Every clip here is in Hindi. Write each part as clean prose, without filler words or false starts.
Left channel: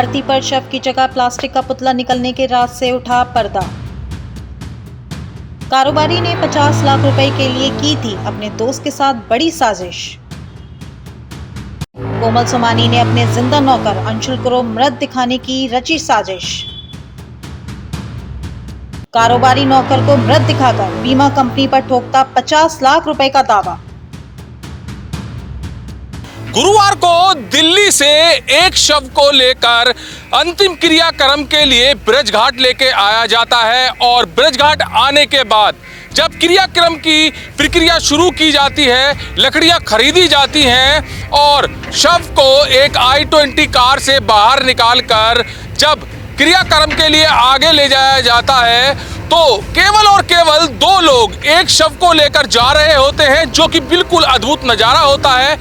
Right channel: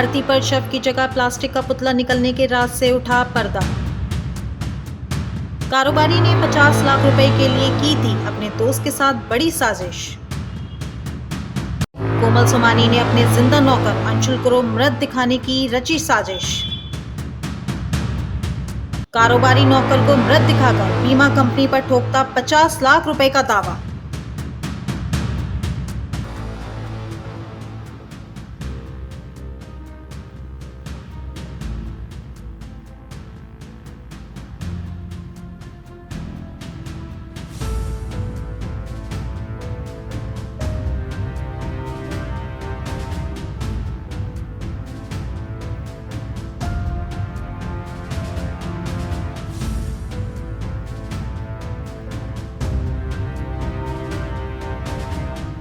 अर्थी पर शव की जगह प्लास्टिक का पुतला निकलने के राज से उठा पर्दा। कारोबारी ने 50 लाख रुपए के लिए की थी अपने दोस्त के साथ बड़ी साजिश। कोमल सोमानी ने अपने जिंदा नौकर अंशुल को मृत दिखाने की रची साजिश। कारोबारी नौकर को मृत दिखाकर बीमा कंपनी पर ठोकता 50 लाख रुपए का दावा। गुरुवार को दिल्ली से एक शव को लेकर अंतिम क्रियाक्रम के लिए ब्रजघाट लेके आया जाता है और ब्रजघाट आने के बाद जब क्रियाक्रम की प्रक्रिया शुरू की जाती है, लकड़ियां खरीदी जाती हैं और शव को एक i20 कार से बाहर निकालकर जब क्रियाक्रम के लिए आगे ले जाया जाता है तो केवल और केवल दो लोग एक शव को लेकर जा रहे होते हैं, जो कि बिल्कुल अद्भुत नजारा होता है।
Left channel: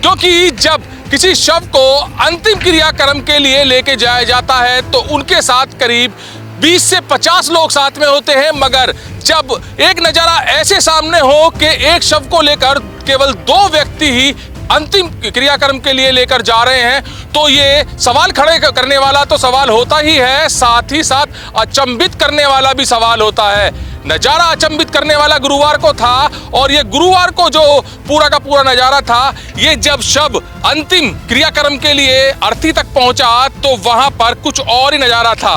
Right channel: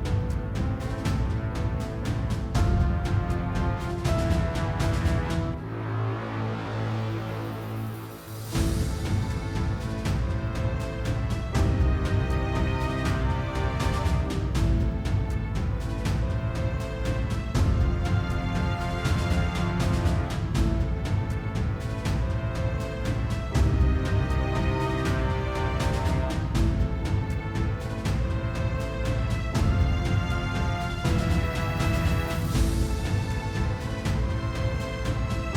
क्योंकि जब किसी शव को अंतिम क्रियाक्रम के लिए लेके जाया जाता है तो उनके साथ करीब 20 से 50 लोग साथ में होते हैं, मगर जब एक नजारा ऐसे सामने हो कि एक शव को लेकर केवल दो व्यक्ति ही अंतिम क्रियाक्रम के लिए लेकर जा रहे हैं तो ये सवाल खड़े करने वाला तो सवाल होता ही है, साथ ही साथ अचंभित करने वाला भी सवाल होता है। नजारा अचंभित करने वाला गुरुवार को था और ये गुरुवार को जो पूरा का पूरा नजारा था, ये जब शव अंतिम क्रियाक्रम के लिए अर्थी तक पहुंचा तो वहां पर कुछ और ही नजारा था।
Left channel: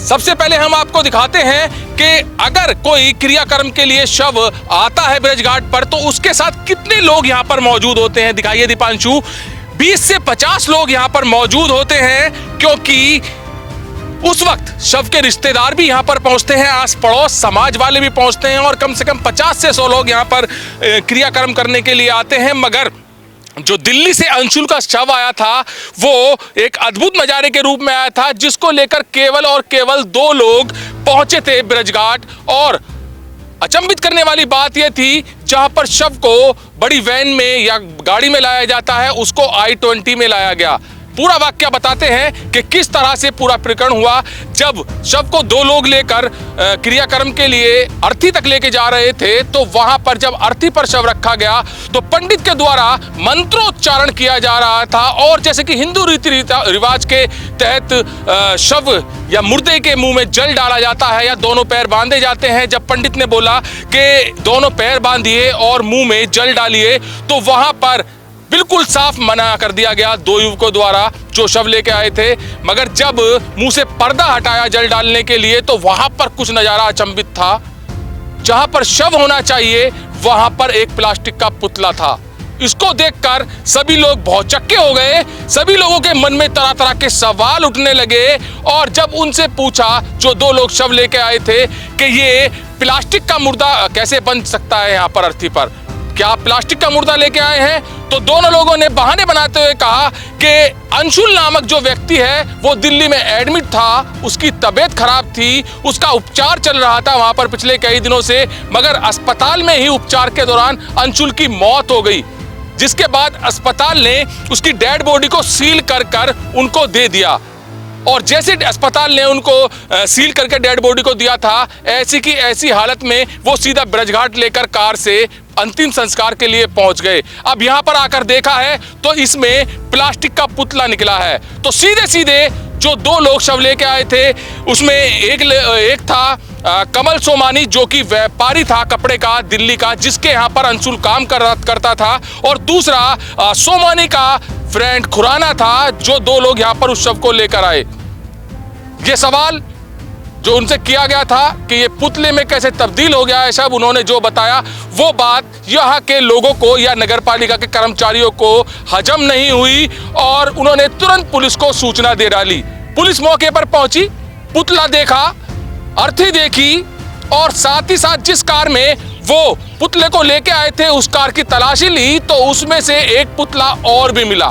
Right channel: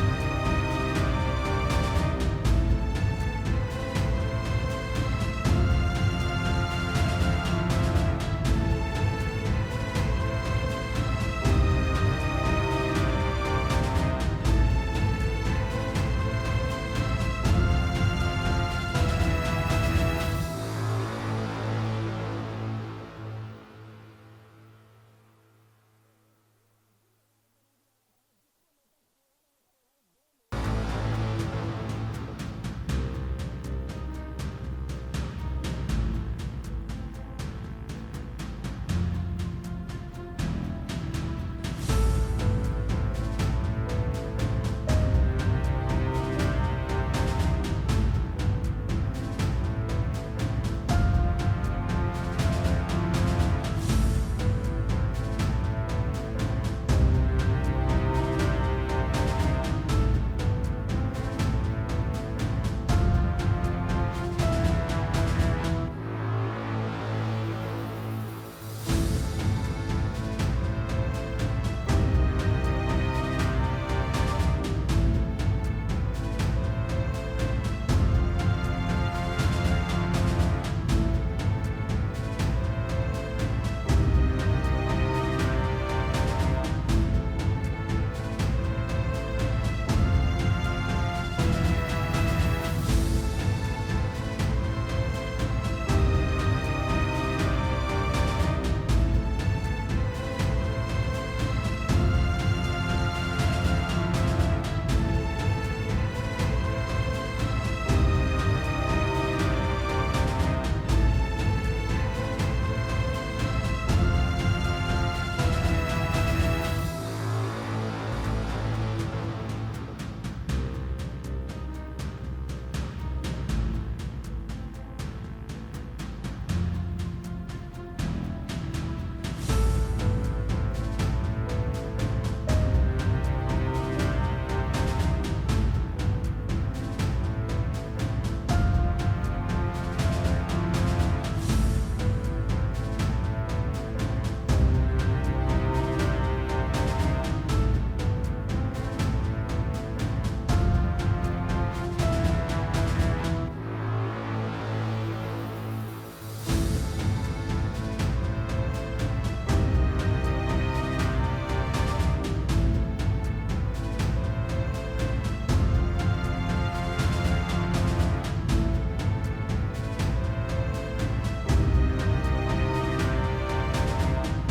सबसे पहले हम आपको दिखाते हैं कि अगर कोई क्रियाक्रम के लिए शव आता है ब्रजघाट पर तो उसके साथ कितने लोग यहाँ पर मौजूद होते हैं। दिखाइए दीपांशु, 20 से 50 लोग यहाँ पर मौजूद होते हैं, क्योंकि उस वक्त शव के रिश्तेदार भी यहाँ पर पहुंचते हैं, आस पड़ोस समाज वाले भी पहुंचते हैं और कम से कम 50 से 100 लोग यहाँ पर क्रियाक्रम करने के लिए आते हैं। मगर जो दिल्ली से अंशुल का शव आया था वो एक अद्भुत नजारे के रूप में आया था, जिसको लेकर केवल और केवल दो लोग पहुंचे थे ब्रजघाट। और अचंभित करने वाली बात यह थी, जहां पर शव को बड़ी वैन में या गाड़ी में लाया जाता है उसको i20 में लाया गया। पूरा वाक्य बताते हैं कि किस तरह से पूरा प्रकरण हुआ। जब शव को दो लोग लेकर क्रियाक्रम के लिए अर्थी तक लेके जा रहे थे तो वहां पर जब अर्थी पर शव रखा गया तो पंडित के द्वारा मंत्रोच्चारण किया जा रहा था और जैसे कि हिंदू रीति रिवाज के तहत शव या मुर्दे के मुंह में जल डाला जाता है या दोनों पैर बांधे जाते हैं। जब पंडित ने बोला कि दोनों पैर बांधिए और मुंह में जल डालिए तो वहां पर बिल्कुल साफ मना कर दिया गया दो युवकों द्वारा जो शव लेके आए थे। मगर जब मुंह से पर्दा हटाया जल डालने के लिए तो वहां पर कुछ नजारा अचंभित था। जहां पर शव होना चाहिए वहां पर एक प्लास्टिक का पुतला था। इसको देखकर सभी लोग भौचक्के हो गए। सभी लोगों के मन में तरह तरह के सवाल उठने लगे और जब उनसे पूछा जो दो लोग शव लेके आए थे कि ये प्लास्टिक का मुर्दा कैसे बन सकता है यहाँ पर अर्थी पर, क्या आप प्लास्टिक का मुर्दा लेके आए हैं? तो दोनों लोगों ने बहाने बनाते हुए कहा कि अंशुल नामक जो व्यक्ति है वो दिल्ली में एडमिट था, उसकी तबीयत खराब थी, उसका उपचार चल रहा था वहां पर पिछले कई दिनों से, मगर अस्पताल में ही उपचार के दौरान अंशुल की मौत हो गई, जिसके बाद अस्पताल ने उसकी डेड बॉडी को सील कर उनको दे दिया। और जैसे अस्पताल ने उनको सील करके डेड बॉडी को दिया था, ऐसी की ऐसी हालत में वो सीधा ब्रजघाट लेकर कार से अंतिम संस्कार के लिए पहुंच गए। अब यहां पर आकर देखा है तो इसमें प्लास्टिक का पुतला निकला है। तो सीधे सीधे जो दो लोग शव लेके आए थे उसमें एक था कमल सोमानी, जो कि व्यापारी था कपड़े का दिल्ली का, जिसके यहाँ पर अंशुल काम करता था, और दूसरा सोमानी का फ्रेंड खुराना था, जो दो लोग यहाँ पर उस शव को लेकर आए। ये सवाल जो उनसे किया गया था कि ये पुतले में कैसे तब्दील हो गया है शव, उन्होंने जो बताया वो बात यहाँ के लोगों को या नगर पालिका के कर्मचारियों को हजम नहीं हुई और उन्होंने तुरंत पुलिस को सूचना दे डाली। पुलिस मौके पर पहुंची, पुतला देखा, अर्थी देखी और साथ ही साथ जिस कार में वो पुतले को लेके आए थे उस कार की तलाशी ली तो उसमें से एक पुतला और भी मिला।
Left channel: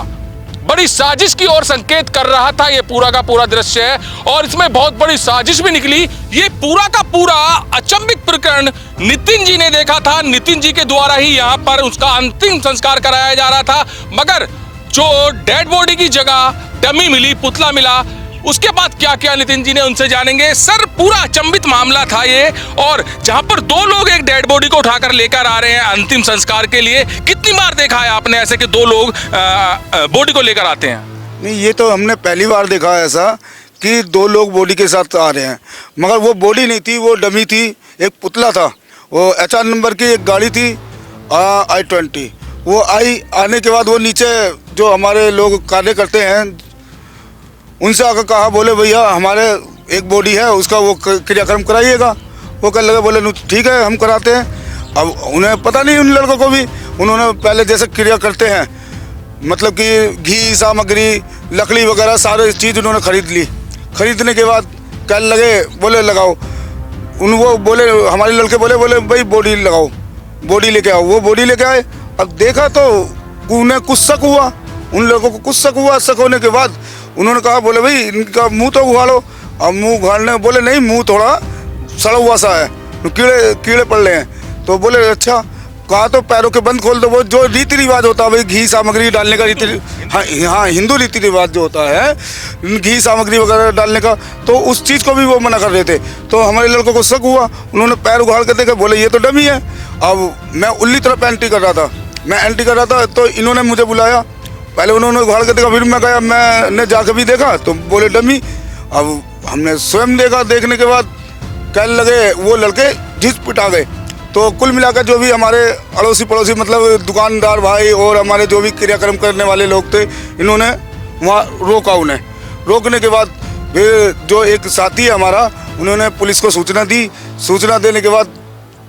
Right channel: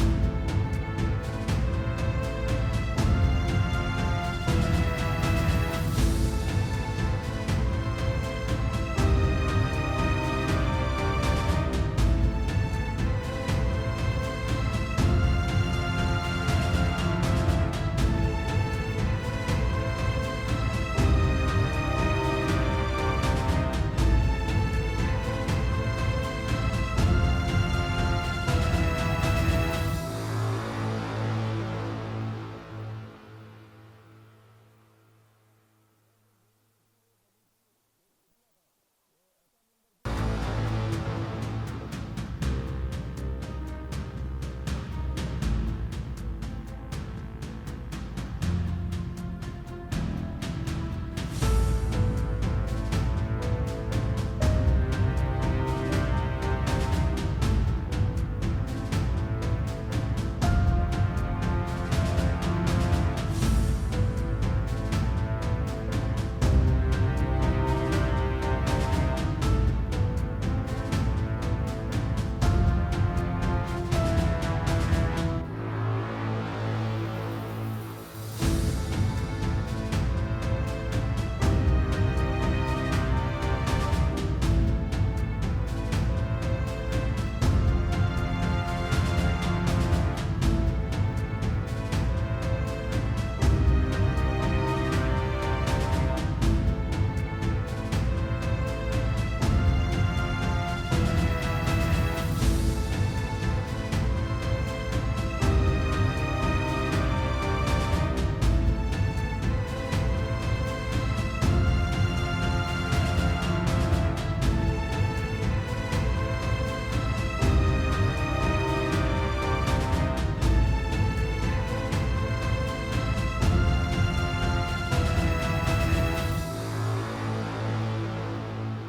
बड़ी साजिश की ओर संकेत कर रहा था ये पूरा का पूरा दृश्य है और इसमें बहुत बड़ी साजिश भी निकली। ये पूरा का पूरा अचंभित प्रकरण नितिन जी ने देखा था। नितिन जी के द्वारा ही यहाँ पर उसका अंतिम संस्कार कराया जा रहा था, मगर जो डेड बॉडी की जगह डमी मिली, पुतला मिला, उसके बाद क्या क्या नितिन जी ने उनसे जानेंगे। सर, पूरा अचंभित मामला था ये, और जहां पर दो लोग एक डेड बॉडी को उठाकर लेकर आ रहे हैं अंतिम संस्कार के लिए, कितनी बार देखा है आपने ऐसे कि दो लोग बॉडी को लेकर आते हैं? नहीं, ये तो हमने पहली बार देखा है ऐसा कि 2 लोग बॉडी के साथ आ रहे हैं, मगर वो बॉडी नहीं थी, वो डमी थी, एक पुतला था। वो HR नंबर की एक गाड़ी थी I-20। वो आने के बाद वो नीचे जो हमारे लोग कार्य करते हैं उनसे आकर कहा, बोले भैया हमारे एक बॉडी है, उसका वो क्रियाक्रम कराइएगा। वो कहने लगे, बोले ठीक है हम कराते हैं। अब उन्हें पता नहीं, उन लड़कों को भी, उन्होंने पहले जैसे क्रिया करते हैं, मतलब कि घी सामग्री लकड़ी वगैरह सारे चीज़ उन्होंने खरीद ली। खरीदने के बाद कहने लगे, बोले लगाओ। वो बोले, हमारे लड़के बोले भाई बॉडी लगाओ, बॉडी लेके आओ। वो बॉडी लेके आए। अब देखा तो उन्हें कुछ शक हुआ, उन लोगों को कुछ शक हुआ। शक होने के बाद उन्होंने कहा, बोले भाई इनका मुंह तो उघाड़ो। अब मुंह उघाड़ने बोले नहीं, मुंह थोड़ा सड़ा हुआ सा है, कीड़े पड़ रहे हैं। तो बोले अच्छा। कहा तो पैरों के बंद खोल दो। वो जो रीति रिवाज होता है भाई, घी सामग्री डालने का हाँ हिंदू रीति रिवाज जो होता है घी सामग्री वगैरह डालने का, तो उस चीज़ को भी वो मना कर रहे थे। तो हमारे लड़कों को शक हुआ, उन्होंने पैर उघाड़ कर देखा, बोले ये तो डमी है। अब मैं उल्ली तरफ एंट्री कर रहा था, तो इन्होंने मुझे बुलाया। पहले उन्होंने उघाड़ कर देखा, फिर मैं गया, मैंने जाकर भी देखा तो बोले डमी। अब हमने स्वयं देखा, देखने के बाद कहने लगे वो लड़के झिझ पिटा गए। तो कुल मिलाकर जो भी हमारे अड़ोसी पड़ोसी, मतलब दुकानदार भाई और हमारे जो भी क्रियाक्रम करने वाले लोग थे, इन्होंने वहाँ रोका। उन्हें रोकने के बाद फिर जो एक साथी है हमारा, उन्होंने पुलिस को सूचना दी। सूचना देने के बाद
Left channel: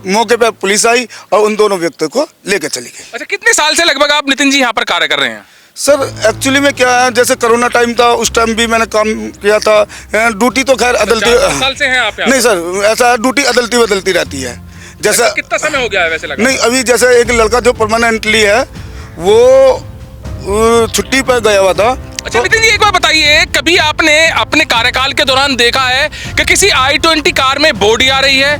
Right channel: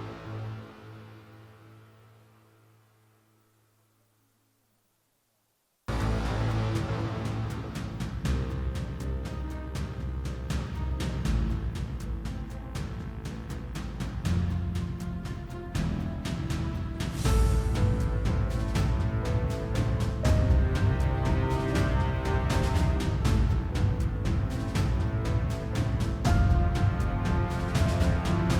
मौके पर पुलिस आई और उन दोनों व्यक्तियों को लेकर चली गई। अच्छा, कितने साल से लगभग आप नितिन जी यहाँ पर कार्य कर रहे हैं? सर एक्चुअली में क्या है, जैसे कोरोना टाइम था उस टाइम भी मैंने काम किया था। ड्यूटी तो खैर अदलती, 4 साल से हैं आप यहाँ? नहीं सर, ऐसा ड्यूटी अदलती बदलती रहती है। जैसा कितना समय हो गया है वैसे लगा? नहीं, अभी जैसे एक लड़का जो परमानेंटली है वो छुट्टी पर गया हुआ था। अच्छा नितिन जी, एक बार बताइए, कभी आपने अपने कार्यकाल के दौरान देखा है कि किसी I-20 कार में बॉडी आ रही है,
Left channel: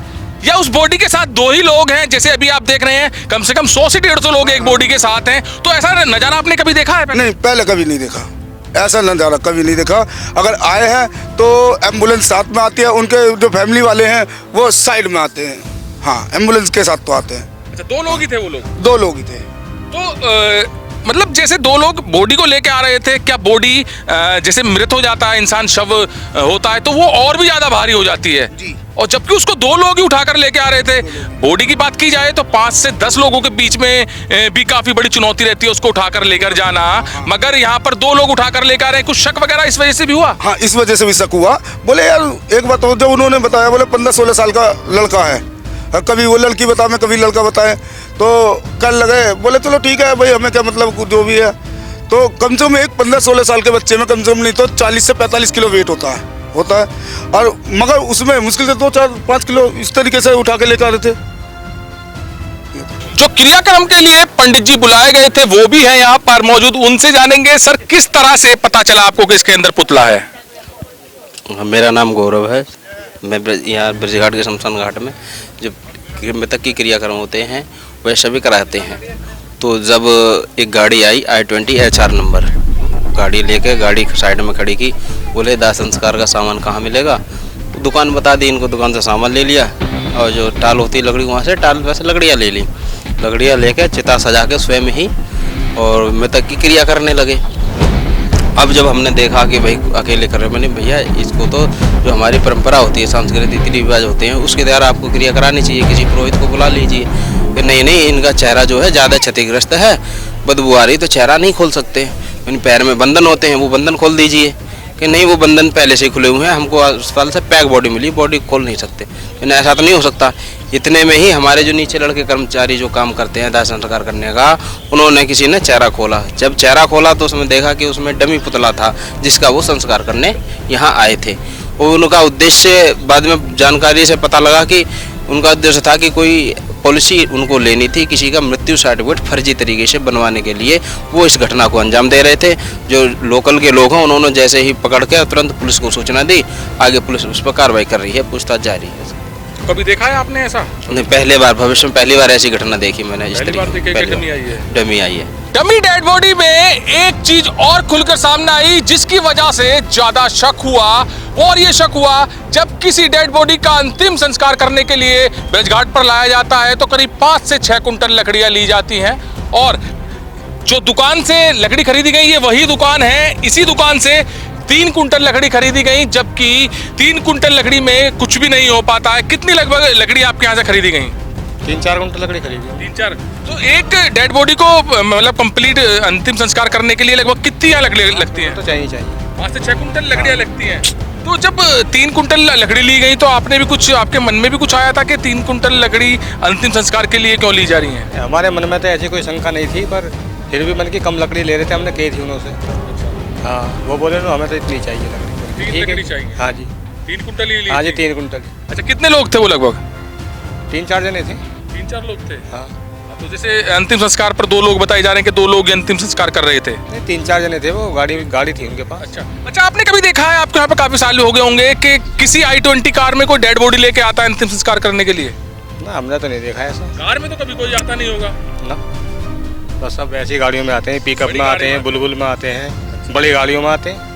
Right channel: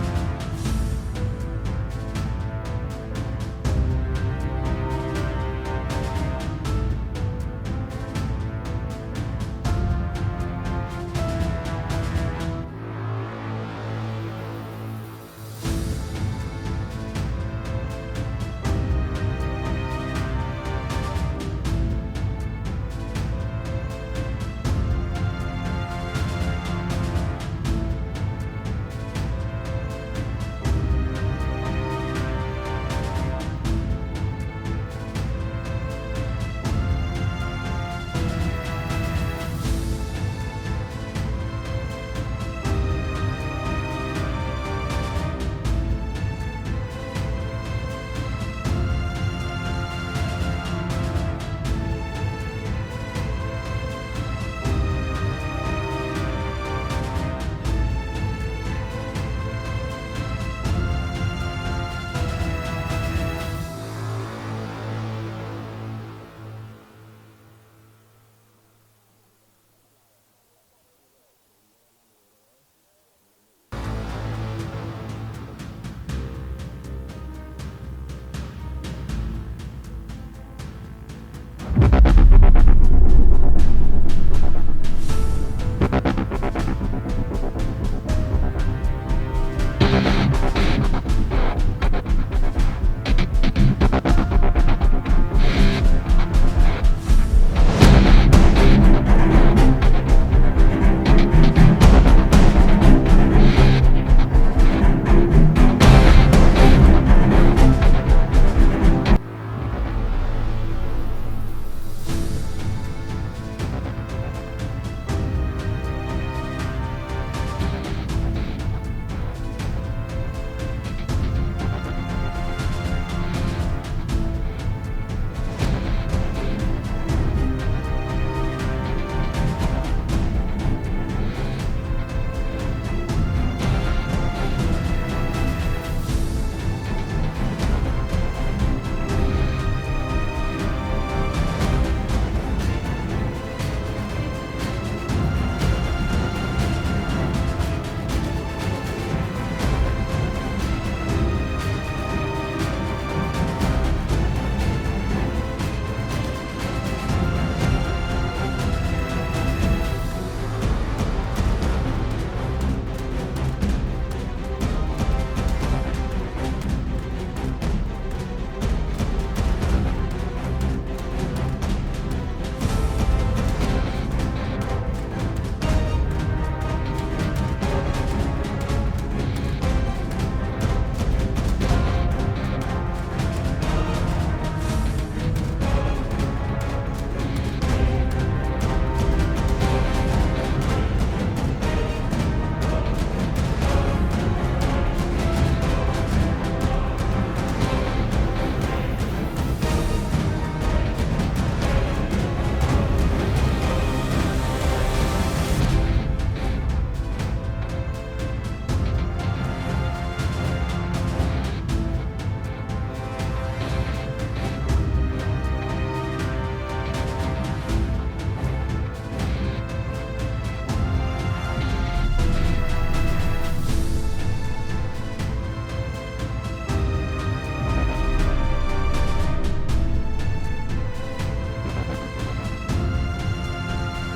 या उस बॉडी के साथ 2 ही लोग हैं? जैसे अभी आप देख रहे हैं कम से कम 100 से 150 लोग एक बॉडी के साथ हैं। तो ऐसा नजारा आपने कभी देखा है? नहीं, पहले कभी नहीं देखा, ऐसा नज़ारा कभी नहीं देखा। अगर आए हैं तो एम्बुलेंस साथ में आती है, उनके जो फैमिली वाले हैं वो साइड में आते हैं। हाँ, एम्बुलेंस के साथ तो आते हैं। अच्छा, 2 लोग ही थे वो लोग? 2 लोग ही थे। तो मतलब जैसे 2 लोग बॉडी को लेके आ रहे थे, क्या बॉडी जैसे मृत हो जाता है इंसान, शव होता है, तो वो और भी ज्यादा भारी हो जाती है जी। और जबकि उसको 2 लोग ही उठाकर लेके आ रहे थे। बॉडी की बात की जाए तो 5 से 10 लोगों के बीच में भी काफी बड़ी चुनौती रहती है उसको उठाकर लेकर जाना, मगर यहाँ पर 2 लोग उठाकर लेकर आ रहे हैं। कुछ शक वगैरह इस वजह से भी हुआ? हाँ, इस वजह से भी शक हुआ। बोले यार एक बात हो, जो उन्होंने बताया, बोले 15-16 साल का लड़का है, कभी वो लड़की बताए मैं कभी लड़का बताए। तो कल लगे, बोले चलो ठीक है भाई, हमें क्या मतलब जो भी है। तो कम से कम एक 15-16 साल के बच्चे में कम से कम नहीं तो 40 से 45 किलो वेट होता है। और मगर उसमें मुश्किल से 2-4-5 किलो इस तरीके से उठा के लेकर आ रहे थे। जो क्रियाक्रम के लिए पंडित जी बुलाए गए थे वो भी है यहाँ पर मौजूद, उनसे जानेंगे सर किस तरह से पता चला आपको कि इसके अंदर पुतला है? मेरा नाम गौरव है। मैं यहाँ ब्रजघाट के शमशान घाट में जब मृतक की क्रियाक्रम होते हैं वह सभी कराते हैं। तो जब एक गाड़ी आई I-20 HR नंबर, गाड़ी लेके गाड़ी साइड में खड़ी की, बोले दाह संस्कार का सामान कहाँ मिलेगा? दुकान बता दी इनको, दुकान से सामान ले लिया और जो टाल होती है लकड़ी, वहाँ से टाल वैसे लकड़ियाँ ले ली। लकड़ियाँ लेके चिता सजा के स्वयं ही और मृतक की क्रिया करने लगे। अब जब हमने देखा कि भाई अकेले कर रहे, मैंने भैया इसको तो जो हमारी परंपरा होती है, सांस्कृतिक रीति रिवाज होते हैं, उसके द्वारा आपको क्रिया करानी चाहिए, किसी पुरोहित को बुला लीजिए। नहीं, इनका चेहरा जो है ज़्यादा क्षतिग्रस्त है, बदबू आ रही, तो चेहरा नहीं खोल सकते। पैर में बंधन होते हैं, वो बंधन खोल दीजिए। कि नहीं, वो बंधन पहले से खुले हुए हैं, हमको अस्पताल से पैक बॉडी मिली, बॉडी खोल नहीं सकते। ऐसा तो नहीं हो सकता। इतने में ही हमारे जो नीचे लड़के कर्मचारी जो काम करते हैं दाह संस्कार करने का, उन्होंने किसी ने चेहरा खोला। जब चेहरा खोला तो उसमें देखा कि उसमें डमी पुतला था जिसका वो संस्कार करने यहाँ आए थे। और उनका उद्देश्य बाद में जानकारी से पता लगा कि उनका उद्देश्य था कि कोई पॉलिसी उनको लेनी थी, किसी का मृत्यु सर्टिफिकेट फर्जी तरीके से बनवाने के लिए वो इस घटना को अंजाम दे रहे थे। जो लोकल के लोग हैं उन्होंने जैसे ही पकड़ के तुरंत पुलिस को सूचना दी, आगे पुलिस उस पर कार्रवाई कर रही है, पूछताछ जारी है। कभी देखा है आपने ऐसा? नहीं, पहली बार, भविष्य में पहली बार ऐसी घटना देखी मैंने। इस तरीके डमी आई है। डमी डेड बॉडी में एक चीज और खुलकर सामने आई जिसकी वजह से ज्यादा शक हुआ, और ये शक हुआ जब किसी डेड बॉडी का अंतिम संस्कार करने के लिए ब्रजघाट पर लाया जाता है तो करीब 5 से 6 कुंटल लकड़ियां ली जाती हैं, और जो दुकान से लकड़ी खरीदी गई ये वही दुकान है। इसी दुकान से 3 कुंटल लकड़ी खरीदी गई, जबकि 3 कुंटल लकड़ी में कुछ भी नहीं हो पाता है। कितनी लगभग लकड़ी आपके यहाँ से खरीदी गई? 3-4 कुंटल लकड़ी खरीदी। 3-4। तो एक डेड बॉडी को मतलब कंप्लीट अंतिम संस्कार करने के लिए लगभग कितनी यहाँ लकड़ी लगती है? तो चाहिए 5 से 6 कुंटल लकड़ियाँ लगती हैं। तो जब 3 कुंटल लकड़ी ली गई तो आपने भी कुछ, आपके मन में भी कुछ आया था कि 3 कुंटल लकड़ी अंतिम संस्कार के लिए क्यों ली जा रही है? हमारे मन में तो ऐसी कोई शंका नहीं थी, पर फिर भी मन की कम लकड़ी ले रहे थे, हमने कही थी उनसे। हाँ, वो बोले तो हमें तो इतनी चाहिए। 3 लकड़ी चाहिए? हाँ जी। 3 कुंटल ही ली? हाँ जी, 3 कुंटल। अच्छा, कितने लोग थे वो? लगभग 3-4 जने थे। 3-4 लोग थे। हाँ। तो जैसे अंतिम संस्कार पर 2 लोग बताए जा रहे हैं कि 2 लोग अंतिम संस्कार कर रहे थे। 3-4 जने थे, वो गाड़ी थी उनके पास। अच्छा, आपने कभी देखा है, आपके यहाँ पे काफी साल हो गए होंगे, कि किसी i20 कार में कोई डेड बॉडी लेके आता है अंतिम संस्कार करने के लिए? ना, हमने तो नहीं देखा है ऐसा। कार में तो कभी कोई आता नहीं होगा ना, बस सब ऐसी गाड़ियों में आते हैं, पिकअप में आते हैं, बुलबुल में आते हैं, बड़ी गाड़ियों में आते हैं।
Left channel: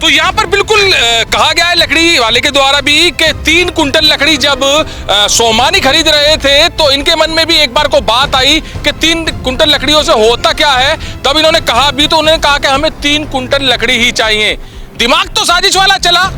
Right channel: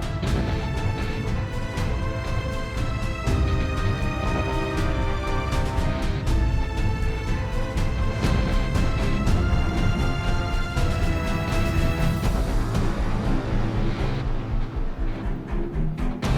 तो यहाँ पर बिल्कुल कहा गया है लकड़ी वाले के द्वारा भी कि 3 कुंटल लकड़ी जब सोमानी खरीद रहे थे तो इनके मन में भी एक बार को बात आई कि 3 कुंटल लकड़ियों से होता क्या है। तब इन्होंने कहा भी, तो उन्होंने कहा कि हमें 3 कुंटल लकड़ी ही चाहिए। दिमाग तो साजिश वाला चला,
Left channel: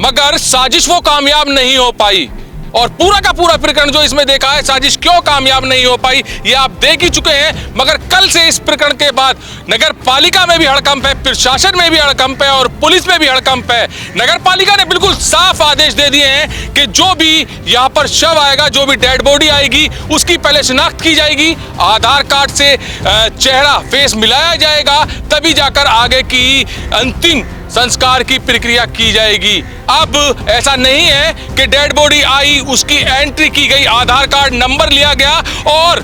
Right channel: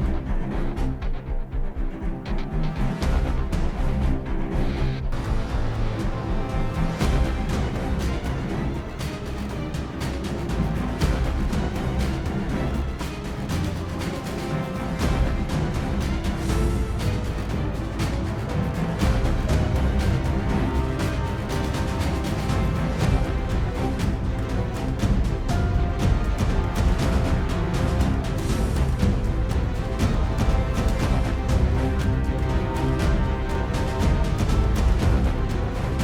मगर साजिश वो कामयाब नहीं हो पाई। और पूरा का पूरा प्रकरण जो इसमें देखा है, साजिश क्यों कामयाब नहीं हो पाई ये आप देख ही चुके हैं। मगर कल से इस प्रकरण के बाद नगर पालिका में भी हड़कंप है, प्रशासन में भी हड़कंप है और पुलिस में भी हड़कंप है। नगर पालिका ने बिल्कुल साफ आदेश दे दिए हैं कि जो भी यहाँ पर शव आएगा, जो भी डेड बॉडी आएगी, उसकी पहले शिनाख्त की जाएगी, आधार कार्ड से चेहरा फेस मिलाया जाएगा, तभी जाकर आगे की अंतिम संस्कार की प्रक्रिया की जाएगी। अब ऐसा नहीं है कि डेड बॉडी आई, उसकी एंट्री की गई, आधार कार्ड नंबर लिया गया और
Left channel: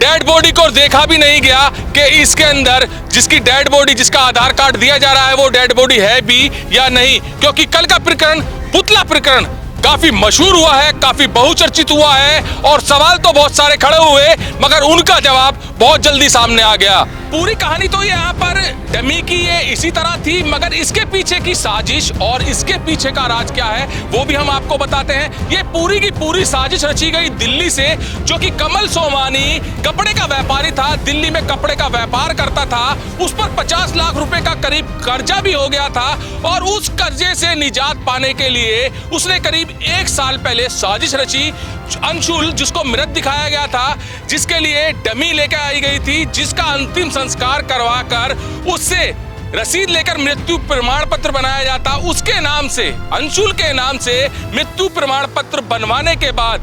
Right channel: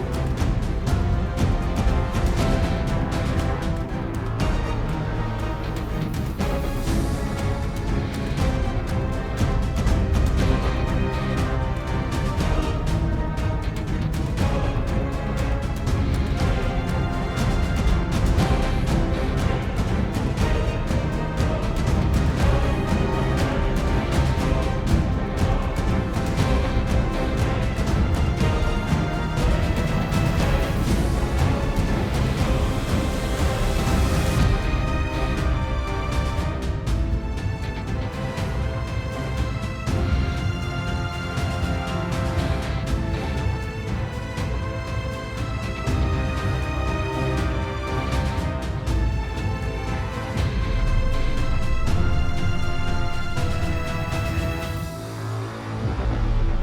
डेड बॉडी को देखा भी नहीं गया कि इसके अंदर जिसकी डेड बॉडी, जिसका आधार कार्ड दिया जा रहा है, वो डेड बॉडी है भी या नहीं। क्योंकि कल का प्रकरण, पुतला प्रकरण, काफी मशहूर हुआ है, काफी बहुचर्चित हुआ है और सवाल तो बहुत सारे खड़े हुए, मगर उनका जवाब बहुत जल्दी सामने आ गया। पूरी कहानी तो यहाँ पर डमी की ये इसी तरह थी, मगर इसके पीछे की साजिश और इसके पीछे का राज क्या है वो भी हम आपको बताते हैं। ये पूरी की पूरी साजिश रची गई दिल्ली से, जो कि कमल सोमानी कपड़े का व्यापारी था, दिल्ली में कपड़े का व्यापार करता था। उस पर 50 लाख रुपए का करीब कर्जा भी हो गया था और उस कर्जे से निजात पाने के लिए उसने करीब 1 साल पहले साजिश रची। अंशुल, जिसको मृत दिखाया गया था, जिसके लिए डमी लेकर आई गई थी, जिसका अंतिम संस्कार करवाकर उससे रसीद लेकर मृत्यु प्रमाण पत्र बनाया जाता, उसके नाम से, अंशुल के नाम से मृत्यु प्रमाण पत्र बनवाने के बाद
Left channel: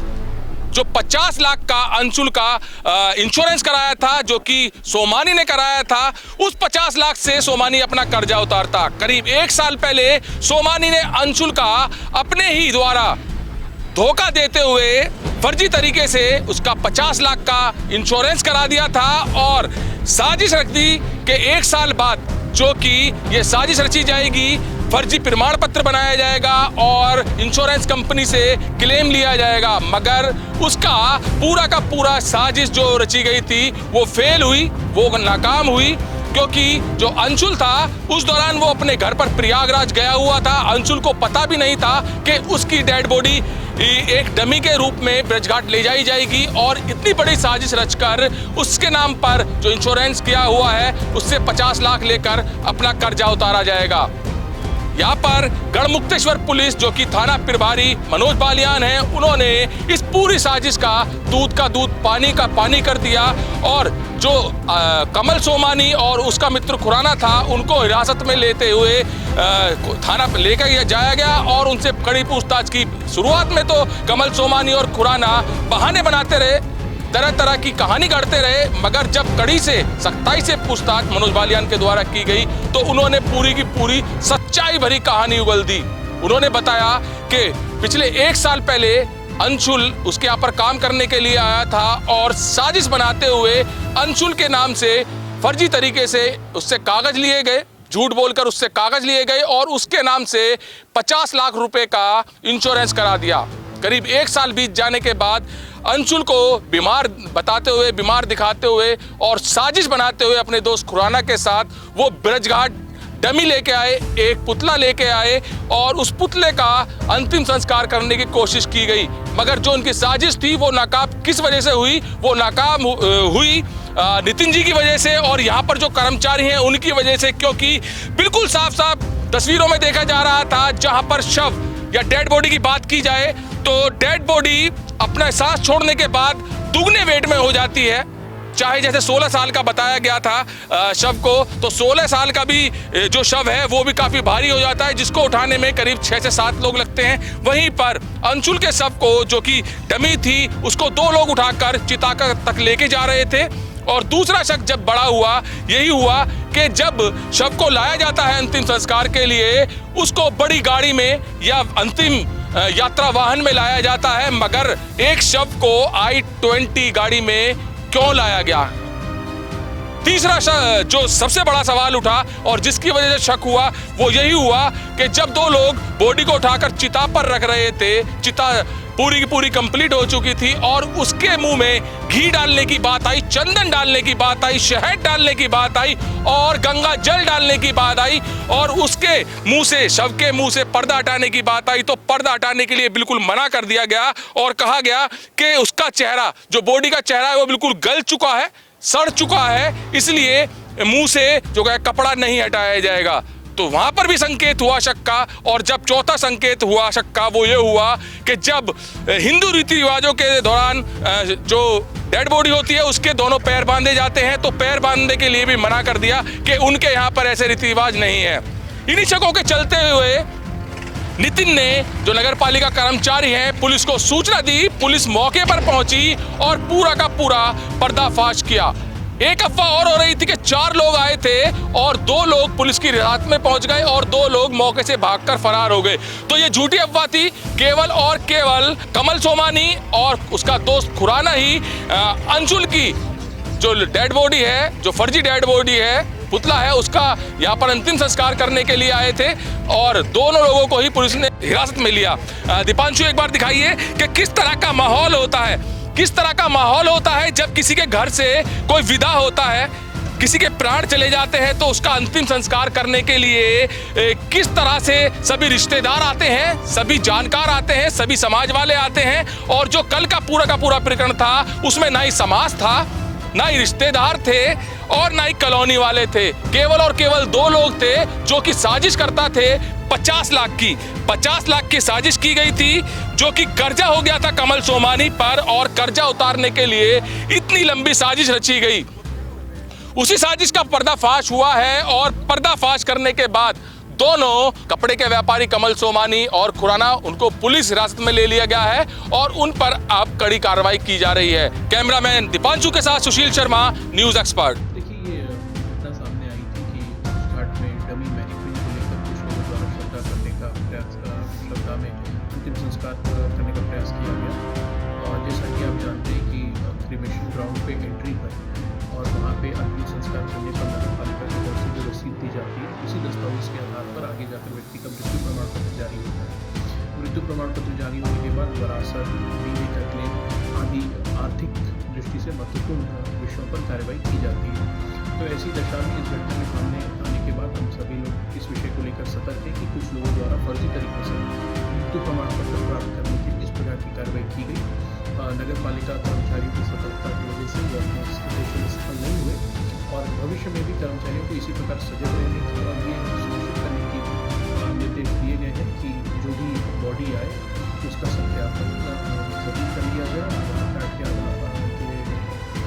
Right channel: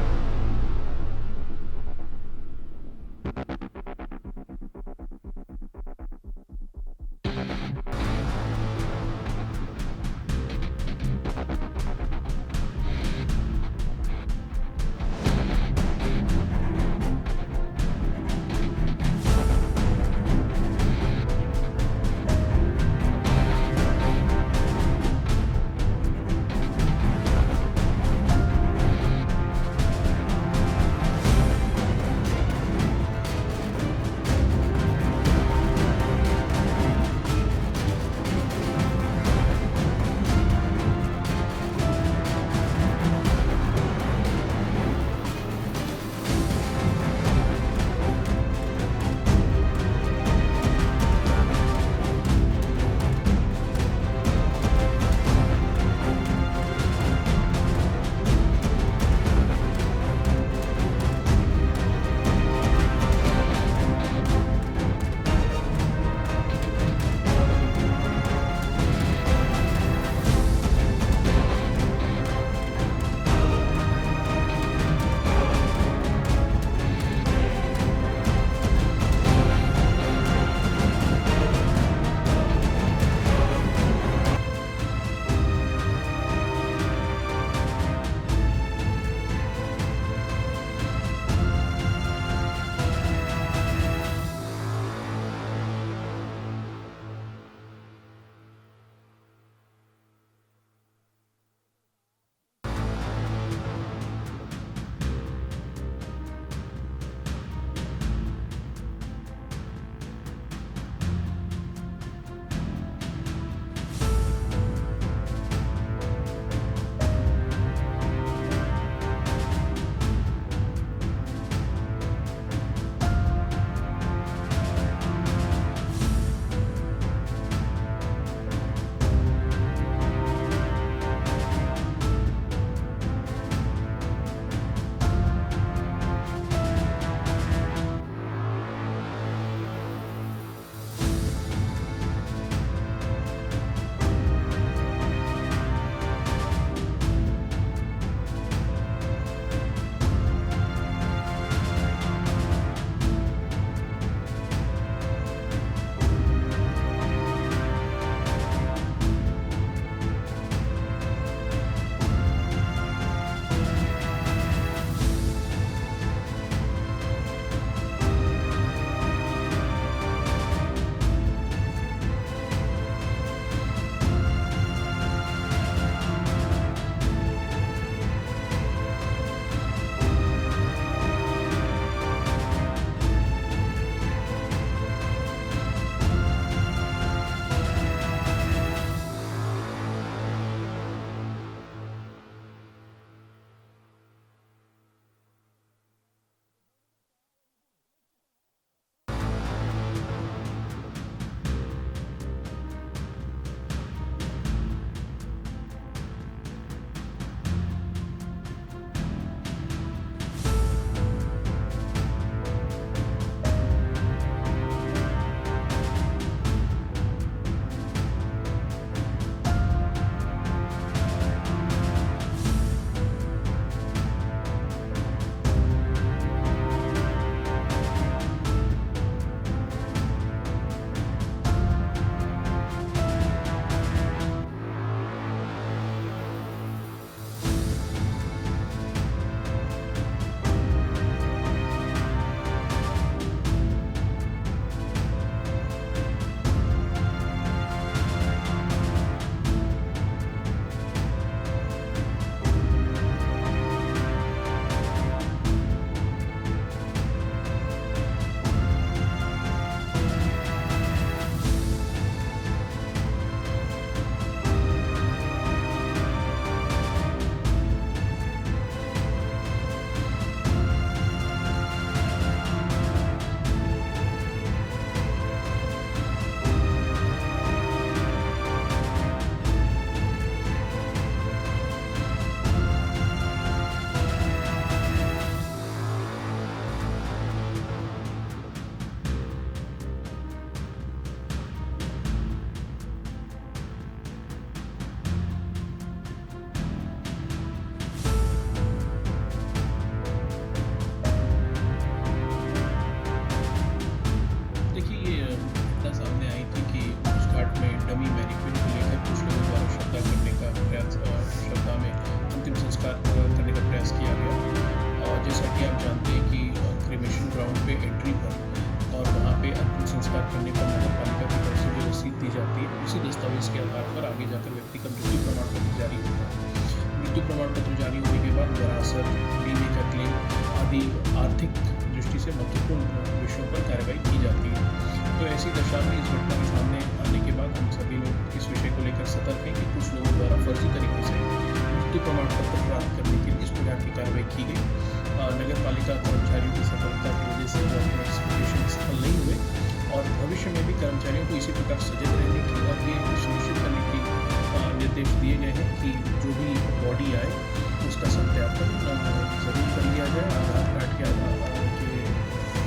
जो 50 लाख का अंशुल का इंश्योरेंस कराया था, जो कि सोमानी ने कराया था, उस 50 लाख से सोमानी अपना कर्जा उतारता। करीब 1 साल पहले सोमानी ने अंशुल का अपने ही द्वारा धोखा देते हुए फर्जी तरीके से उसका 50 लाख का इंश्योरेंस करा दिया था और साजिश रख दी कि 1 साल बाद जो कि ये साजिश रची जाएगी, फर्जी प्रमाण पत्र बनाया जाएगा और इंश्योरेंस कंपनी से क्लेम लिया जाएगा। मगर उसका पूरा का पूरा साजिश जो रची गई थी वो फेल हुई, वो नाकाम हुई, क्योंकि जो अंशुल था उस दौरान वो अपने घर पर प्रयागराज गया हुआ था। अंशुल को पता भी नहीं था कि उसकी डेड बॉडी एक डमी के रूप में ब्रजघाट ले जाई जाएगी और इतनी बड़ी साजिश रचकर उसके नाम पर जो इंश्योरेंस किया हुआ है उससे 50 लाख लेकर अपना कर्जा उतारा जाएगा। यहाँ पर गढ़मुक्तेश्वर पुलिस, जो कि थाना प्रभारी मनोज बालियान है, उन्होंने इस पूरी साजिश का दूध का दूध, पानी का पानी कर दिया और जो कमल सोमानी और उसका मित्र खुराना था उनको हिरासत में लेते हुए थाना पर लेकर जाया गया और उनसे कड़ी पूछताछ की। शुरुआत में तो कमल सोमानी और खुराना बहाने बनाते रहे, तरह तरह की कहानी गढ़ते रहे, मगर जब कड़ी से सख्ताई से पूछताछ मनोज बालियान के द्वारा की गई तो उन्होंने पूरी की पूरी सच्चाई भरी कहानी उगल दी। उन्होंने बताया कि पिछले 1 साल पहले अंशुल उसके यहाँ पर काम करने के लिए आया था और साजिश बनाते हुए अंशुल के नाम से फर्जी तरीके से उससे कागज लिए गए, झूठ बोलकर उससे कागज लिए गए और उसके नाम से 50 लाख रुपए का इंश्योरेंस करा दिया। करीब 1 साल बीत जाने के बाद अंशुल को बीमार बताते हुए, बीमार दिखाते हुए और साजिश बनाते हुए अपने दोस्त खुराना के साथ वो ब्रजघाट डमी लेके आए, एक पुतला लेके आए और उस पुतले का अंतिम संस्कार करने की कोशिश की गई। मगर जो उनकी साजिश थी वो नाकाम किस वजह से हुई? वो नाकाम हुई नितिन जी की वजह से और यहाँ पर जो कर्मचारी हैं उनकी वजह से, क्योंकि बिल्कुल साफ साफ तस्वीरों में देखा जा रहा था जहाँ पर शव या डेड बॉडी की बात की जाए तो डेड बॉडी अपना सांस छोड़ने के बाद दुगने वेट में हो जाती है। चाहे जैसे 16 साल का बताया गया था शव को, तो 16 साल का भी जो शव है वो भी काफी भारी हो जाता है, जिसको उठाने में करीब 6 से 7 लोग लगते हैं। वहीं पर अंशुल के शव को, जो कि डमी थी, उसको 2 लोग उठाकर चिता तक लेके जा रहे थे। और दूसरा शक जब बड़ा हुआ, यही हुआ कि जब शव को लाया जाता है अंतिम संस्कार के लिए, उसको बड़ी गाड़ी में या अंतिम यात्रा वाहन में लाया जाता है, मगर एक शव को I-20 गाड़ी में क्यों लाया गया? तीसरा जो सबसे बड़ा सवाल उठा और जिसकी वजह से शक हुआ वो यही हुआ कि जब 2 लोग बॉडी को उठाकर चिता पर रख रहे थे, चिता पूरी की पूरी कंप्लीट हो चुकी थी और उसके मुंह में घी डालने की बात आई, चंदन डालने की बात आई, शहद डालने की बात आई और गंगा जल डालने की बात आई और उसके मुंह से, शव के मुंह से पर्दा हटाने की बात आई, तो पर्दा हटाने के लिए बिल्कुल मना कर दिया गया और कहा गया कि उसका चेहरा, जो बॉडी का चेहरा है वो बिल्कुल गल चुका है, सड़ चुका है, इसलिए मुंह से जो है कपड़ा नहीं हटाया जाएगा। तो वहां पर भी संकेत हुआ शक का। और जब चौथा संकेत हुआ शक का वो ये हुआ कि जब हिंदू रीति रिवाजों के दौरान जो डेड बॉडी होती है उसके दोनों पैर बांधे जाते हैं, तो पैर बांधने के लिए भी मना कर दिया कि उनके यहाँ पर ऐसे रीति रिवाज नहीं है। इन्हीं शकों के चलते हुए नितिन ने, जो नगर पालिका कर्मचारी हैं, पुलिस को सूचना दी। पुलिस मौके पर पहुंची और पूरा का पूरा पर्दाफाश किया। एक अफवाह और हो रही थी कि 4 लोग आए थे और 2 लोग पुलिस की हिरासत में पहुंच गए और 2 लोग मौके से भागकर फरार हो गए। तो ये झूठी अफवाह थी। केवल और केवल कमल सोमानी और उसका दोस्त खुराना ही अंशुल की जो डेड बॉडी है, जो फर्जी डेड बॉडी है, पुतला है, उसका यहाँ पर अंतिम संस्कार करने के लिए आए थे और दोनों लोगों को ही पुलिस ने हिरासत में लिया। दीपांशु, एक बार दिखाइए कि किस तरह का माहौल होता है, किस तरह का माहौल होता है जब किसी के घर से कोई विदा होता है, किसी के प्राण चले जाते हैं, तो उसका अंतिम संस्कार करने के लिए किस तरह से सभी रिश्तेदार आते हैं, सभी जानकार आते हैं, सभी समाज वाले आते हैं। और जो कल का पूरा प्रकरण था उसमें ना ही समाज था, ना ही रिश्तेदार थे और ना ही कॉलोनी वाले थे। केवल और केवल 2 लोग थे जो कि साजिश करता थे 50 लाख की साजिश की गई थी, जो कि कर्जा हो गया था कमल सोमानी पर और कर्जा उतारने के लिए इतनी लंबी साजिश रची गई। उसी साजिश का पर्दाफाश हुआ है और पर्दाफाश करने के बाद दोनों कपड़े के व्यापारी कमल सोमानी और खुराना, उनको पुलिस हिरासत में ले लिया गया है और उन पर अब कड़ी कार्रवाई की जा रही है। कैमरामैन दीपांशु के साथ सुशील शर्मा, न्यूज़ एक्सपर्ट। देखिए, ये घटना सामने आई थी कि उस घाट में डमी मैनिक्विन को लेकर कुछ लोगों द्वारा श्रद्धा करने का प्रयास, श्रद्धा में अंतिम संस्कार करने का प्रयास किया गया। और जैसा कि आप जानते हैं कि क्रिमेशन ग्राउंड पे एंट्री पर और वहाँ पे अंतिम संस्कार करने पर नगर पालिका की तरफ से जो रसीद दी जाती है, उसी दस्तावेज के आधार पर आगे जाकर व्यक्ति का मृत्यु प्रमाण पत्र जारी होता है। मृत्यु प्रमाण पत्र जारी होने के बाद विरासत, बीवी का क्लेम आदि आर्थिक दृष्टि से महत्वपूर्ण विषयों पर कार्रवाई की जाती है। तो ऐसी दशा में इस घटना के सामने आने के बाद हम सभी लोग इस विषय को लेकर सतर्क हैं कि कुछ लोगों द्वारा फर्जी तरीके से मृत्यु प्रमाण पत्र प्राप्त करने के लिए इस प्रकार की कार्रवाई की गई। नगर पालिका कर्मचारियों की सतर्कता की वजह से वो अपने उद्देश्य में सफल नहीं हुए और भविष्य में भी कर्मचारियों को इसी प्रकार सजग रहने की और ये सुनिश्चित करने की निर्देश दिए गए हैं कि जो भी बॉडी आए उसका सत्यापन जरूर कर लिया जाए, आधार कार्ड के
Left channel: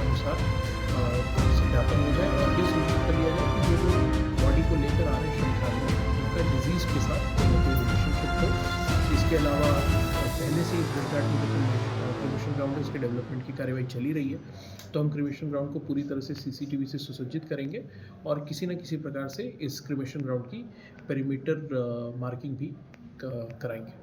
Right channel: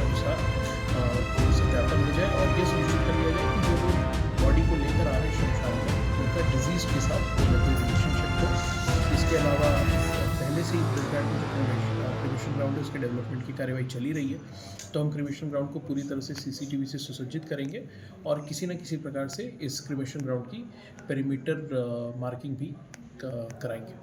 अनुसार सत्यापन हो जाए और ये सुनिश्चित कर लिया जाए कि जो लोग बॉडी को लेकर आ रहे हैं शमशान में, उनका डिजीज़ के साथ कोई ना कोई रिलेशनशिप हो। इसके अलावा पहले से ही ब्रिजघाट में जो क्रिमेशन ग्राउंड है उसके डेवलपमेंट की कार्यवाही चली रही है, तो हम क्रिमेशन ग्राउंड को पूरी तरह से CCTV से सुसज्जित करेंगे और किसी न किसी प्रकार से इस क्रिमेशन ग्राउंड की पेरीमीटर मार्किंग भी कराएंगे।